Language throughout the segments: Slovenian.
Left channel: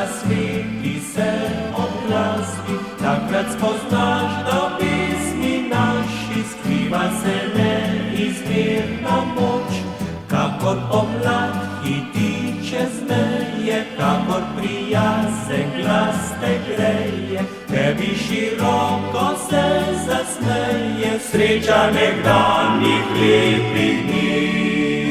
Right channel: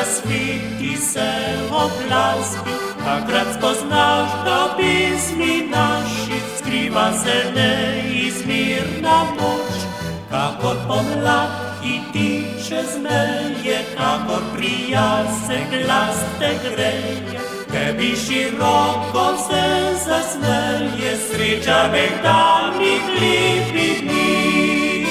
zasviti se oblaski, takrat spoznaš, da pismi naši skriva se neizmirna moč. Kakor pomlad hiti čez meje, kakor prijazne glas te greje, tebi široko se zasmeje, sreča nekdanjih lepih dni.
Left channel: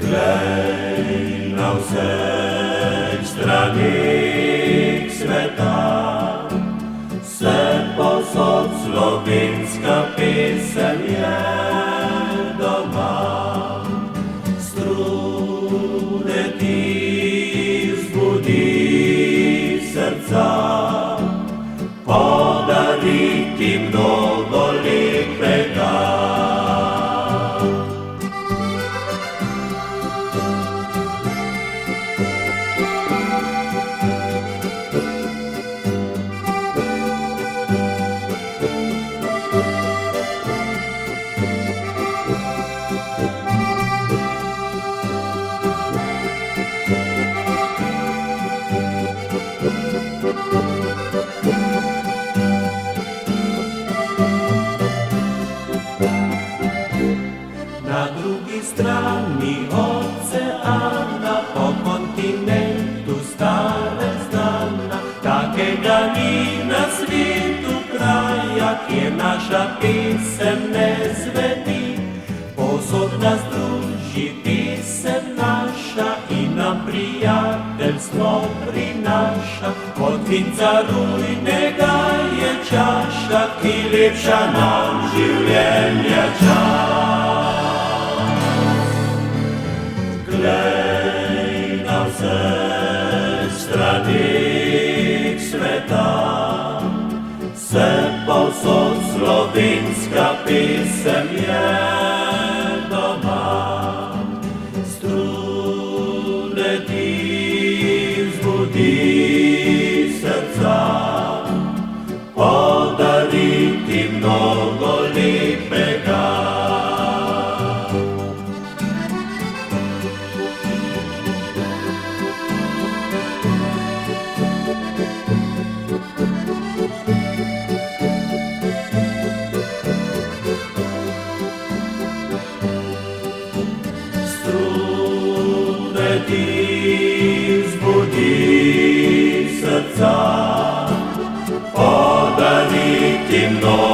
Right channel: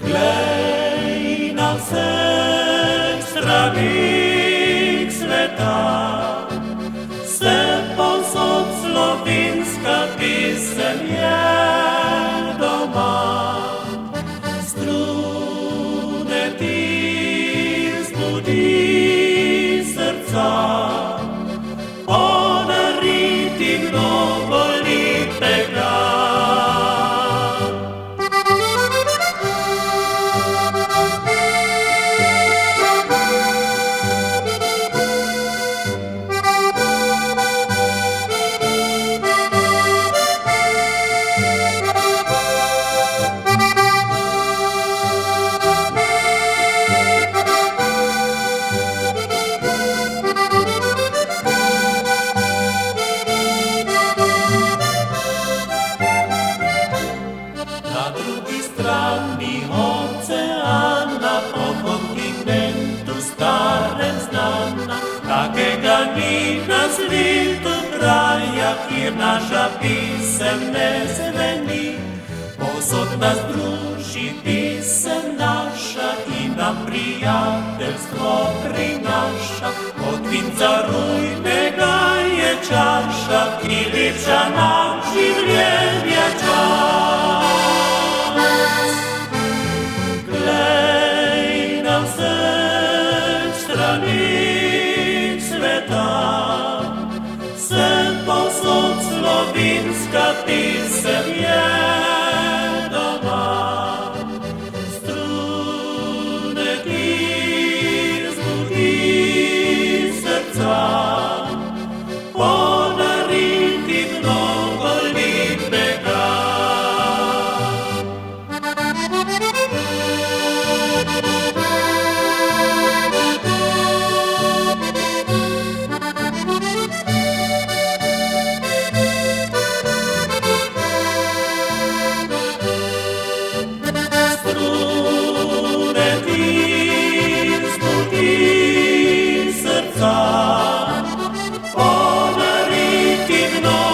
Glej na vseh stranih sveta, vse povsod slovenska pesem je doma. Strune ti vzbudi srca, podari ti mnogo lepega. Na drugi strani oceana, po kontinentu starem znana, takega ni na svetu kraja, kjer naša pesem ne zveni. Povsod nas druži pesem naša in nam prijateljstvo prinaša. Od vinca rujnega je čaša, ki lepša nam življenja čas. Glej na vseh stranih sveta, vse povsod slovenska pesem je doma. Strune ti vzbudi srca, podari ti mnogo lepega. Podari ti mnogo